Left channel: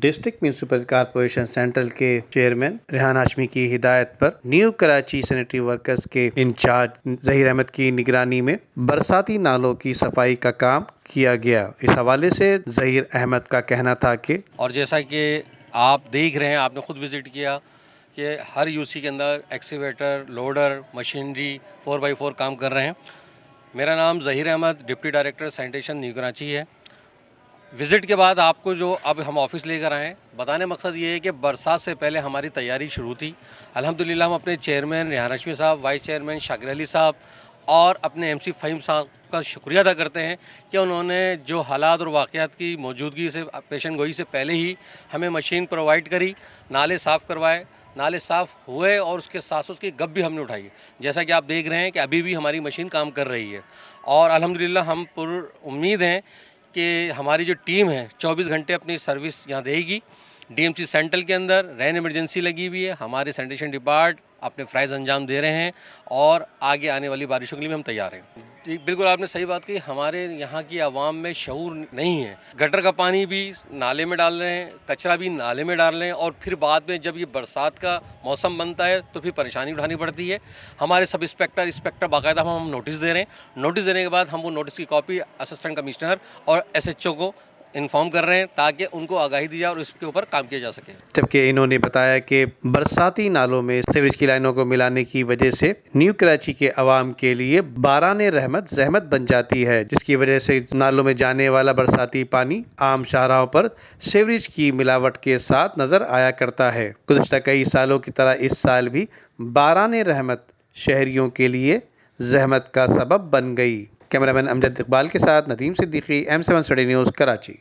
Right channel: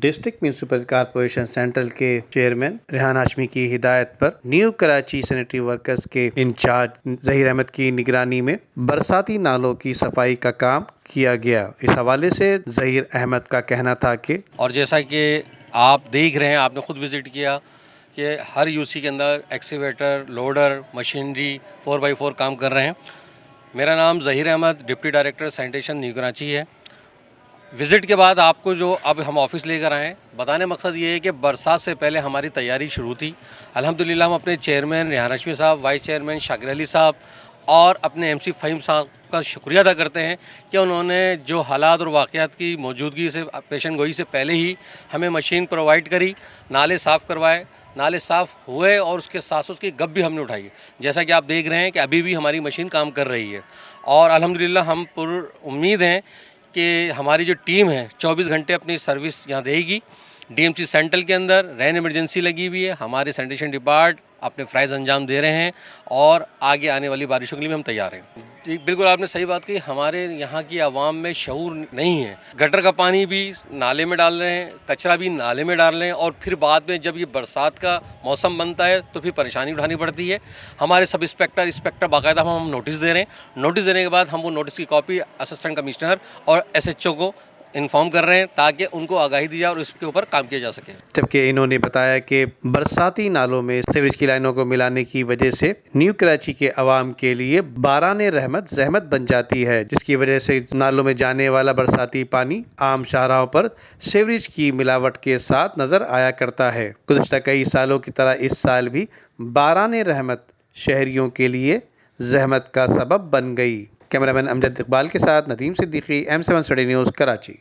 District municipal corporation central के chairman Rehan Hashmi की हिदायत पर न्यू कराची सैनिटरी वर्कर्स के इंचार्ज जहीर अहमद की निगरानी में बरसाती नालों की सफाई का काम किया गया। इस हवाले से जहीर अहमद का कहना था कि और जैसा कि आप देख रहे हैं, आपने खुद विजिट किया कि हर यूसी के अंदर एक्सीवेटर, लोडर, मशीनरी 4x4 काम कर रहे हैं। मेरा नाम Zaheer Ahmed, deputy director sanitation New Karachi है। विज़िट के बाद आपको जो अब हम ऑफिस लेकर आए, बताने मकसद ये है कि बरसात से पहले हमारी तैयारी शुरू थी। अल्हम्दुलिल्लाह हम अपने चेयरमैन रेहान हाशमी साहब, वाइस चेयरमैन शाकिर अली साहब और अपने एमसी फ़हीम साहब का शुक्रिया अदा करते हैं कि उन्होंने जो हालात और वाक़यात की मौजूदगी से पेशन गोई से पहले ही हमें मशीन प्रोवाइड करी, नाले साफ़ करवाए, नाले साफ़ हुए और उसके साथ उसकी गप भी हमने उठाई। जैसा कि आप देख रहे हैं कि अभी भी हमारी मशीन काम कर रही है और अल्हम्दुलिल्लाह हम पूरी उम्मीद हैं कि हमारी जो टीम है 24 घंटे अपनी सर्विस यहाँ देगी। डीएमसी सेंट्रल के अंदर रैन इमरजेंसी लगी हुई है, हमारे सैनिटेशन डिपार्ट अपने फ़राइज़ अंजाम दे रहे हैं और आगे आने वाली बारिशों के लिए भी हम तैयार हैं। बिल्कुल आपने सही बात कही, हमारे यहाँ की आवाम में शऊर नहीं है। गटर का पानी भी नाले में डाल रहे हैं, कचरा भी नाले में डाल रहे हैं और फिर बाद में जब ये बरसात का मौसम बनता है तो फिर परेशानी उठानी पड़ती है। हमारे सब इंस्पेक्टर बाकायदा हम नोटिस दे रहे हैं। नोटिस देने के बाद हम वो नोटिस की कॉपी असिस्टेंट कमिश्नर और एसएचओ को इन्फॉर्म कर रहे हैं ताकि उनको आगाही दी जाए और इसके ऊपर काम किया जा सके। जबकि इन्होंने बताया कि बरसाती नालों में सीवरेज की लाइनों को मिलाने की वजह से न्यू कराची के अवाम के लिए बाराने रहमत जहमत बन जाती है, जिसकी वजह से नालों में जाने वाला बरसाती पानी आम शाहराहों पर सीवरेज की मिलावट के साथ नजर आया करता है। गुज़श्ता कई सालों की तरह इस साल भी बाराने रहमत शहरियों के लिए जहमत का सबब बन गई। कैमरामैन अमजद इकबाल के साथ Nadeem Siddiqui, M7 study news, Karachi.